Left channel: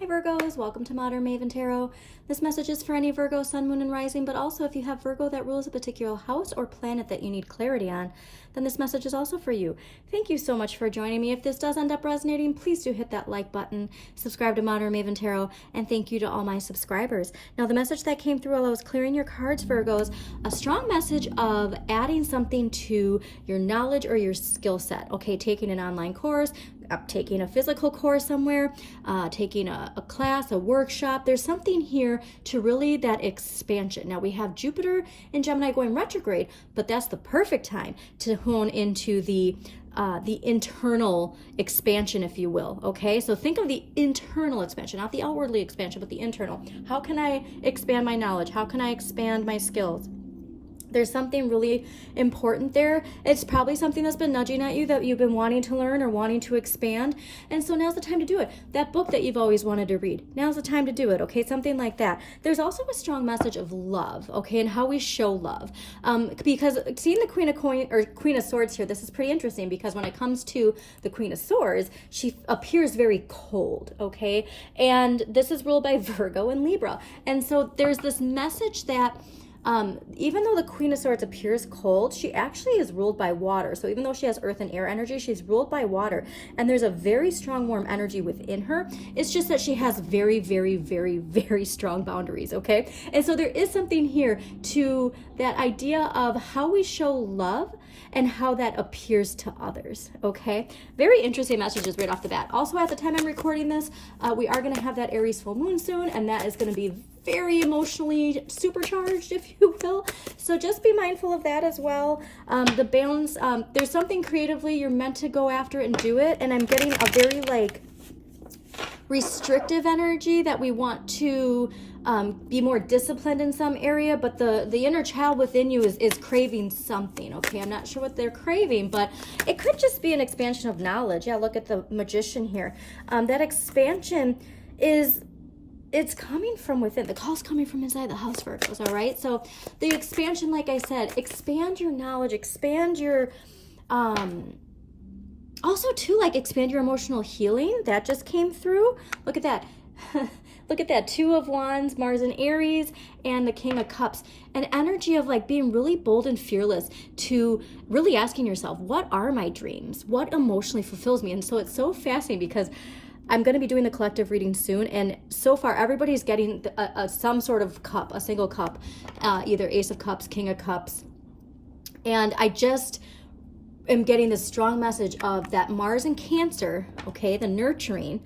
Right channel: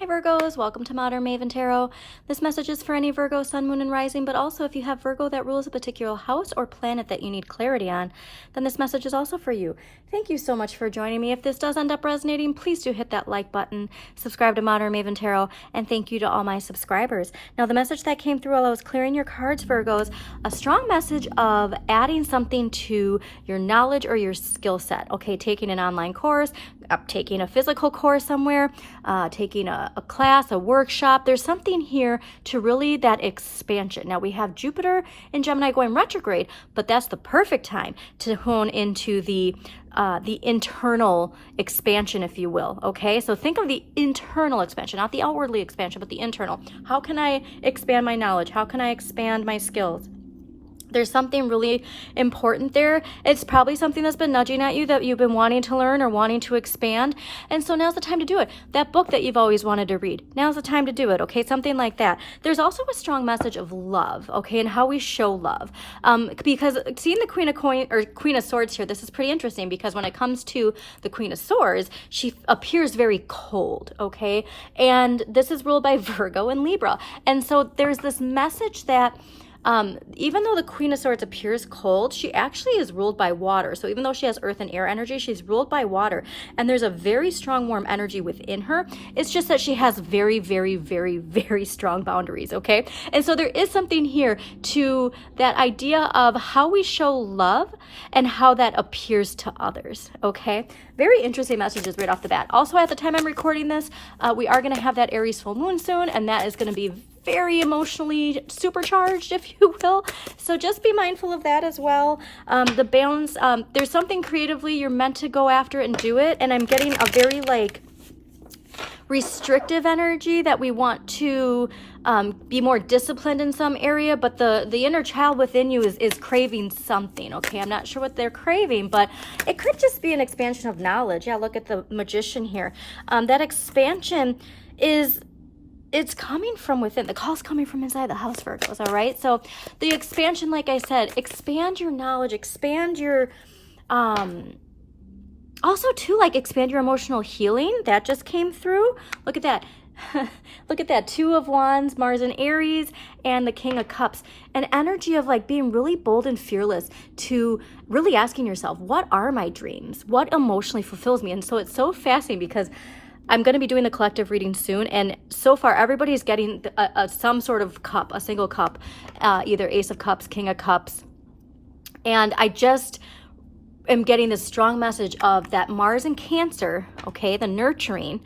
Hi Virgos, welcome to Modern Maven Tarot. This message is for any Virgo, Sun, Moon, and Rising, but also if you have Virgo that rules a particular house or planet that you need clarity on, then this message is also for you. Thank you so much for joining me. If this does end up resonating, please do hit that like button, subscribe to Modern Maven Tarot, and thank you to all my subscribers. Now, the message that came through while I was clearing your cards, Virgos, a strong message of adding something to your knowledge or your skill set. Okay, taking an online course, taking a physical course somewhere, taking a class, a workshop. There's something here to really that expansion. Now we have Jupiter in Gemini going retrograde, but that's the perfect time to hone into the internal expansion, if you will. Okay, so think of the internal expansion, not the outwardly expansion, but the internal. How can I expand my knowledge? How can I expand my skills? There's something really important there. It's probably something that's been nudging at you that you've been wanting to learn or wanting to expand. And so now's the time to do it. That book that you've always wanted to read, now's the time to do it. Okay, something like that. There's also a strong message of love, okay, and how we show love. Because seeing the Queen of Swords here, this is pretty interesting because when it comes to the Queen of Swords, she appears very cold, okay? And this is ruled by Virgo and Libra. And so there's this message that even though the Queen of Swords appears cold, she actually is ruled by water. So even though she has earth and air energy, she's ruled by water. And there's a very strong, warm energy within her. It's just that she has very, very, very, very strong boundaries, okay? And so there is something here to that idea of how we show love and how that appears to others, okay? Very interesting messages right off the bat. Also, at the time I'm recording this, we are going to have that Aries full moon soon, and that is going to be very emotionally supercharged, if you will. So just be mindful of that as well. The balance, there's something creatively you're meant to go after and do it. And I'm getting a very like restrictive energy that we want to be more disciplined in some area, but the inner child within you is craving something. Okay, I'm not sure what they're craving, but it could just be an expansion of knowledge. Yeah, look at the Magician here. That expansion it's coming from within. The call's coming from inside the house, Virgos, all right? So the expansion, like I said, expand your knowledge, expand your, also too, like expand your emotional healing. That just came through. Look at that. Look at that. 2 of Wands, Mars and Aries, and the King of Cups. An energy of like being really bold and fearless to really asking yourself, what are my dreams? What emotionally fulfills me? And so it's so fascinating because I'm going to be doing the collective reading soon, and so far everybody's getting some sort of cup, a single cup, either Ace of Cups, King of Cups, and I just am getting this strong message of that Mars and Cancer, okay, the nurturing,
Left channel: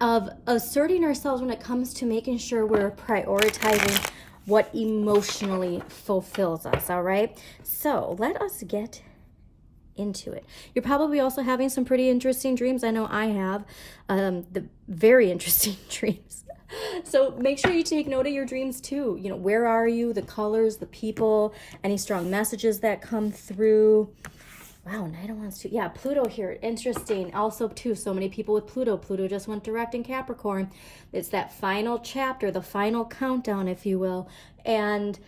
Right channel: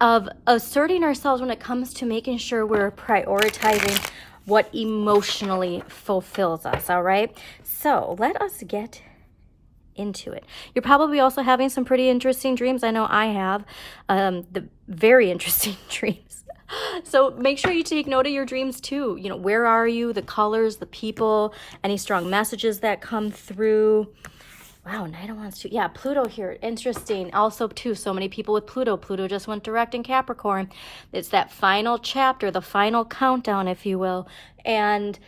of asserting ourselves when it comes to making sure we're prioritizing what emotionally fulfills us, all right? So let us get into it. You're probably also having some pretty interesting dreams. I know I have the very interesting dreams. So make sure you take note of your dreams too. You know, where are you, the colors, the people, any strong messages that come through. Wow, Knight of Wands too. Yeah, Pluto here. Interesting. Also too, so many people with Pluto. Pluto just went direct in Capricorn. It's that final chapter, the final countdown, if you will. And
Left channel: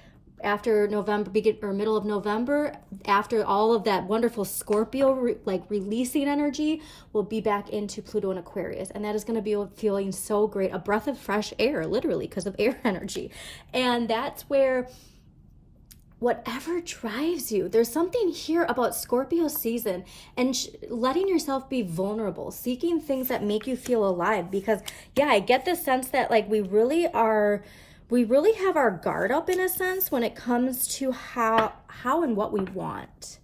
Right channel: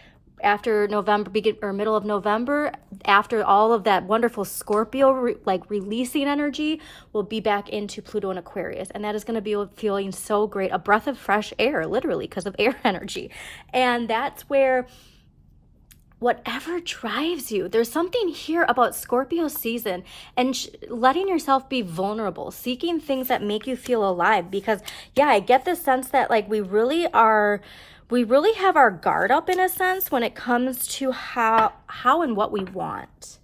after November, middle of November, after all of that wonderful Scorpio, releasing energy, we'll be back into Pluto and Aquarius. And that is going to be feeling so great. A breath of fresh air, literally, because of air energy. And that's where whatever drives you, there's something here about Scorpio season and letting yourself be vulnerable, seeking things that make you feel alive. Because, yeah, I get the sense that, like, we really have our guard up in a sense when it comes to how and what we want.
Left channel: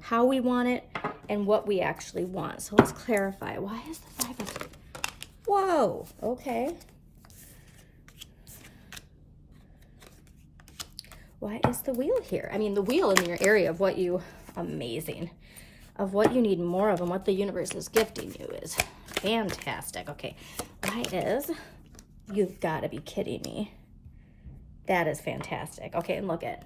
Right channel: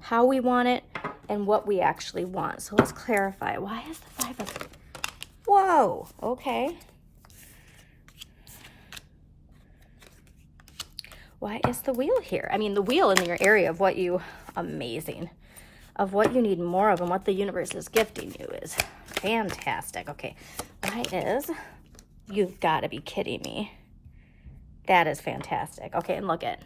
How we want it and what we actually want. So let's clarify. Why is the 5 of... Whoa, okay. Why is the Wheel here? I mean, the Wheel in your area of what you... Amazing. Of what you need more of and what the universe is gifting you is fantastic. Okay, why is... You've got to be kidding me. That is fantastic. Okay, and look at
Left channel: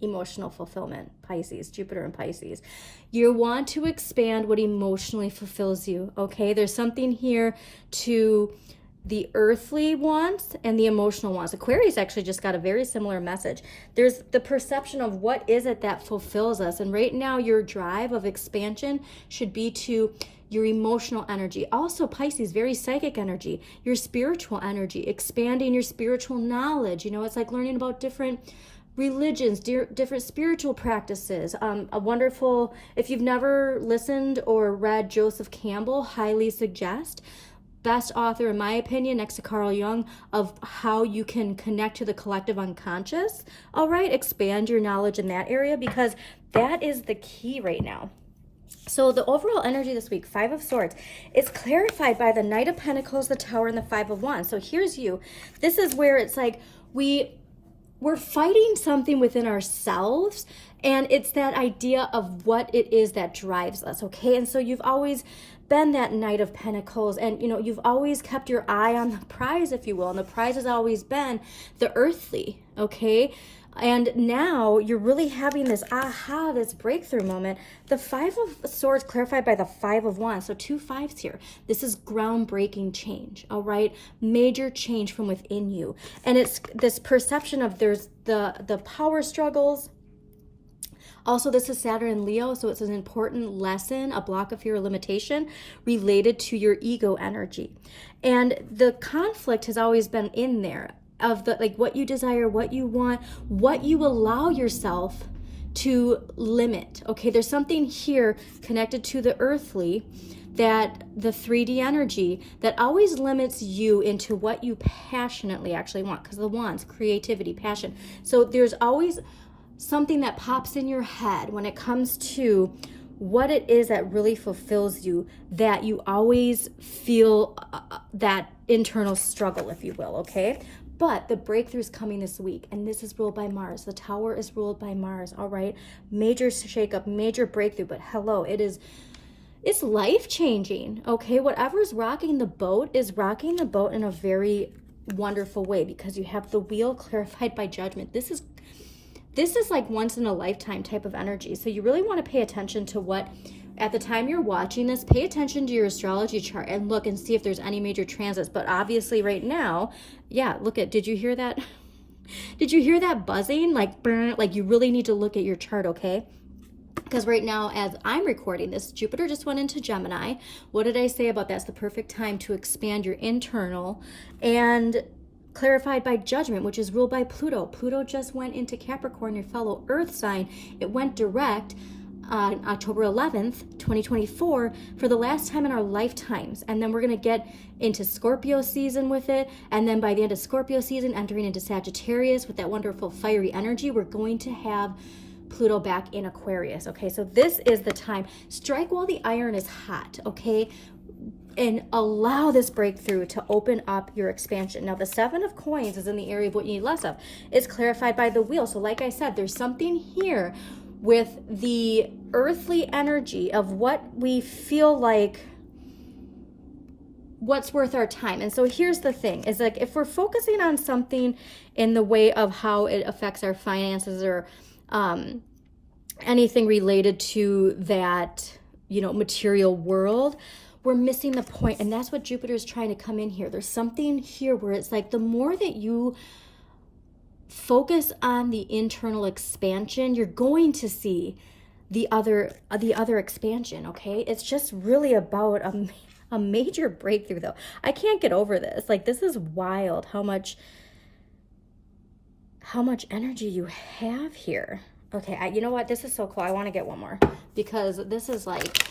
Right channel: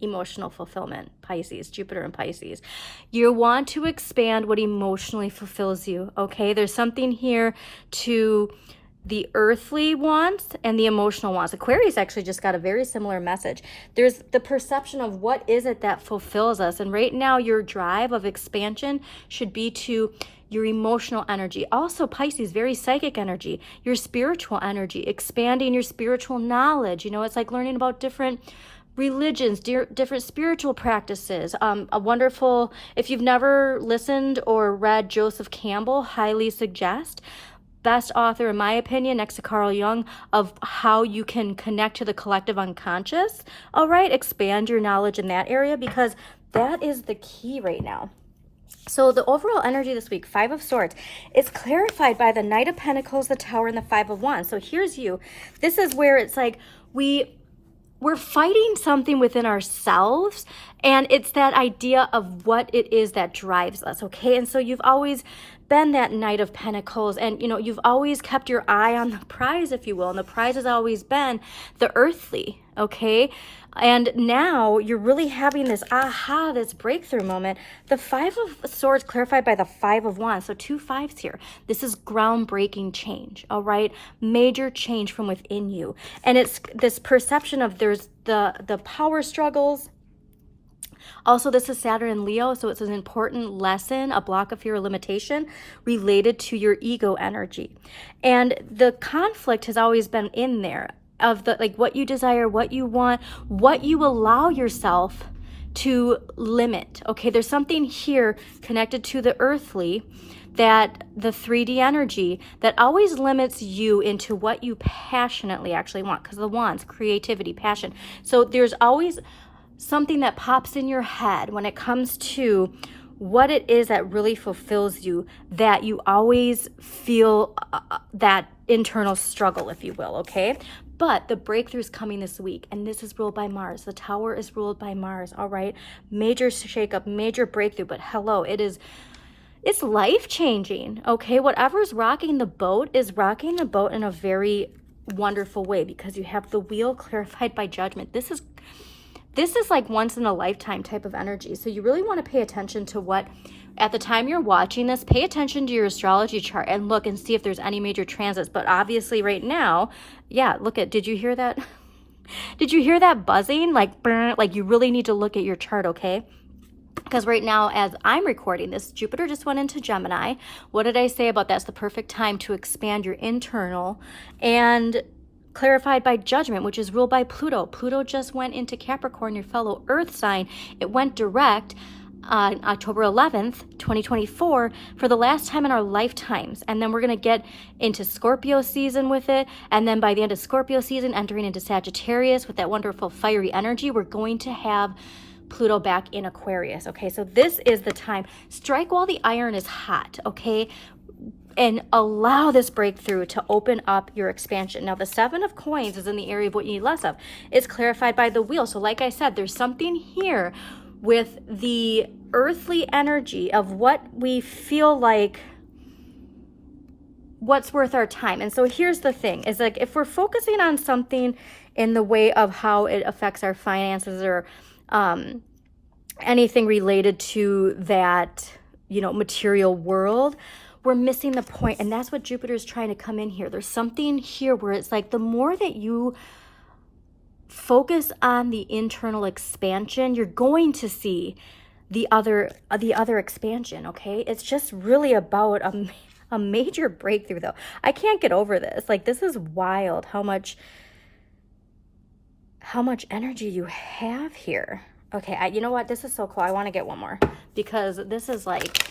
emotional fulfillment, Pisces, Jupiter and Pisces. You want to expand what emotionally fulfills you, okay? There's something here to the earthly wants and the emotional wants. Aquarius actually just got a very similar message. There's the perception of what is it that fulfills us. And right now, your drive of expansion should be to your emotional energy. Also, Pisces, very psychic energy, your spiritual energy, expanding your spiritual knowledge. You know, it's like learning about different religions, different spiritual practices. A wonderful, if you've never listened or read Joseph Campbell, highly suggest. Best author, in my opinion, next to Carl Jung, of how you can connect to the collective unconscious. All right, expand your knowledge in that area, because that is the key right now. So the overall energy this week, Five of Swords, is clarified by the Knight of Pentacles, the Tower, and the Five of Wands. So here's you. This is where it's like we're fighting something within ourselves, and it's that idea of what it is that drives us, okay? And so you've always been that Knight of Pentacles, and you know, you've always kept your eye on the prize, if you will, and the prize has always been the earthly, okay? And now you're really having this aha, this breakthrough moment. The Five of Swords clarified by the Five of Wands. So 2 5s here. This is groundbreaking change, all right? Major change from within you. And it's this perception of there's the power struggles. Also, this is Saturn and Leo, so it's an important lesson, a block of fear or limitation related to your ego energy. And the conflict has always been in there, of the like what you desire, what you want, what you allow yourself to limit. Okay, there's something here connected to the earthly, that the 3D energy that always limits you into what you passionately actually want, because the wands, creativity, passion. So there's always something that pops in your head when it comes to what it is that really fulfills you, that you always feel that internal struggle, if you will, okay? But the breakthrough is coming this week, and this is ruled by Mars. The Tower is ruled by Mars, all right? Major shakeup, major breakthrough, but hello, it's life-changing, okay? Whatever's rocking the boat is rocking the boat in a very wonderful way, because you have the Wheel clarified by Judgment. This is like once in a lifetime type of energy. So you really want to pay attention to what, at the time you're watching this, pay attention to your astrology chart and look and see if there's any major transits. But obviously right now, yeah, look at, did you hear that? Did you hear that buzzing? Like, burn, like you really need to look at your chart, okay? Because right now, as I'm recording this, Jupiter just went into Gemini. What did I say about that's the perfect time to expand your internal, and clarified by Judgment, which is ruled by Pluto. Pluto just went into Capricorn, your fellow Earth sign. It went direct on October 11th, 2024, for the last time in our lifetimes. And then we're going to get into Scorpio season with it. And then by the end of Scorpio season, entering into Sagittarius with that wonderful fiery energy, we're going to have Pluto back in Aquarius. Okay, so this is the time. Strike while the iron is hot, okay? And allow this breakthrough to open up your expansion. Now, the Seven of Coins is in the area of what you need less of. It's clarified by the Wheel. So like I said, there's something here with the earthly energy of what we feel like, what's worth our time. And so here's the thing, is like if we're focusing on something in the way of how it affects our finances or anything related to that, you know, material world, we're missing the point. And that's what Jupiter is trying to come in here. There's something here where it's like the more that you focus on the internal expansion, you're going to see the other expansion, okay? It's just really about a major breakthrough, though. I can't get over this. Like, this is wild how much energy you have here. Okay, you know what? This is so cool. I want to get one more, because this is like,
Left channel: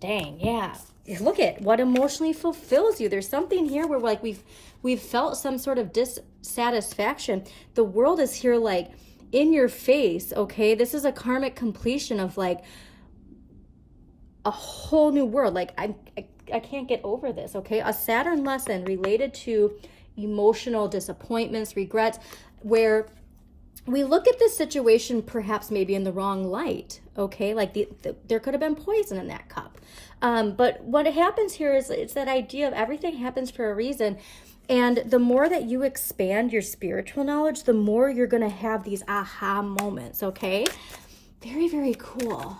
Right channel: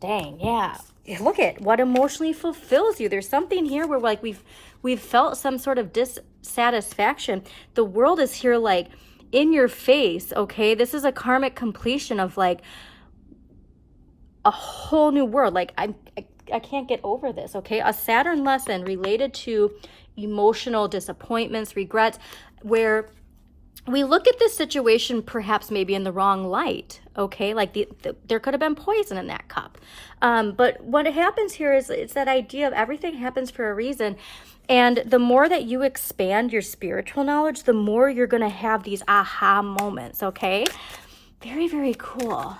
dang, yeah. Look at what emotionally fulfills you. There's something here where like we've felt some sort of dissatisfaction. The world is here like in your face, okay? This is a karmic completion of like a whole new world. Like I can't get over this, okay? A Saturn lesson related to emotional disappointments, regrets, where we look at this situation perhaps maybe in the wrong light, okay? Like there could have been poison in that cup. But what happens here is it's that idea of everything happens for a reason. And the more that you expand your spiritual knowledge, the more you're going to have these aha moments, okay? Very, very cool.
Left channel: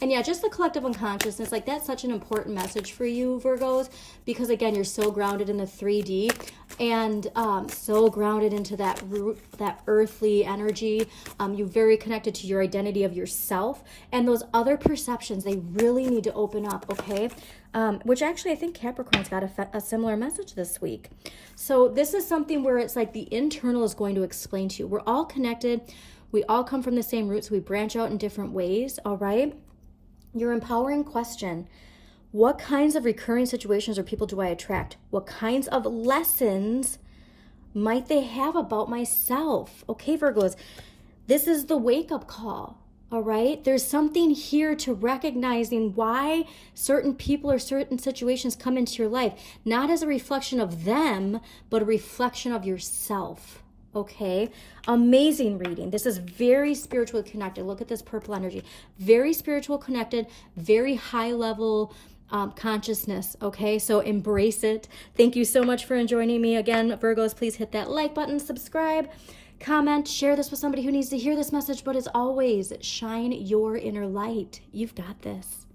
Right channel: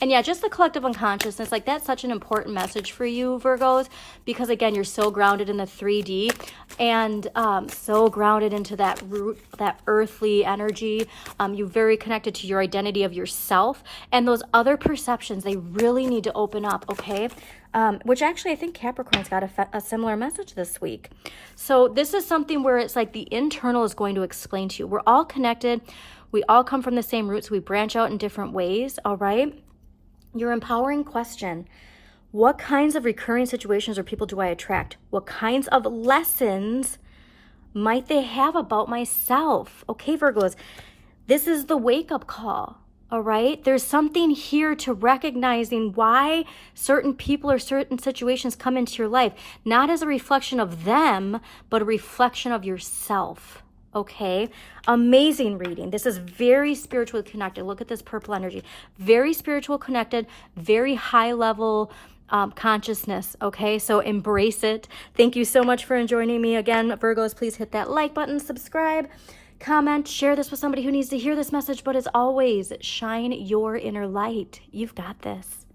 And yeah, just the collective unconsciousness, like that's such an important message for you, Virgos, because again, you're so grounded in the 3D. and so grounded into that root, that earthly energy. You're very connected to your identity of yourself, and those other perceptions, they really need to open up, okay? Which actually I think Capricorn's got a similar message this week. So this is something where it's like the internal is going to explain to you. We're all connected. We all come from the same roots. We branch out in different ways, all right? Your empowering question: what kinds of recurring situations or people do I attract? What kinds of lessons might they have about myself? Okay, Virgos, this is the wake-up call, all right? There's something here to recognizing why certain people or certain situations come into your life, not as a reflection of them, but a reflection of yourself, okay? Amazing reading. This is very spiritually connected. Look at this purple energy. Very spiritual connected, very high level consciousness, okay? So embrace it. Thank you so much for joining me again, Virgos. Please hit that like button, subscribe, comment, share this with somebody who needs to hear this message. But as always, shine your inner light. You've got this.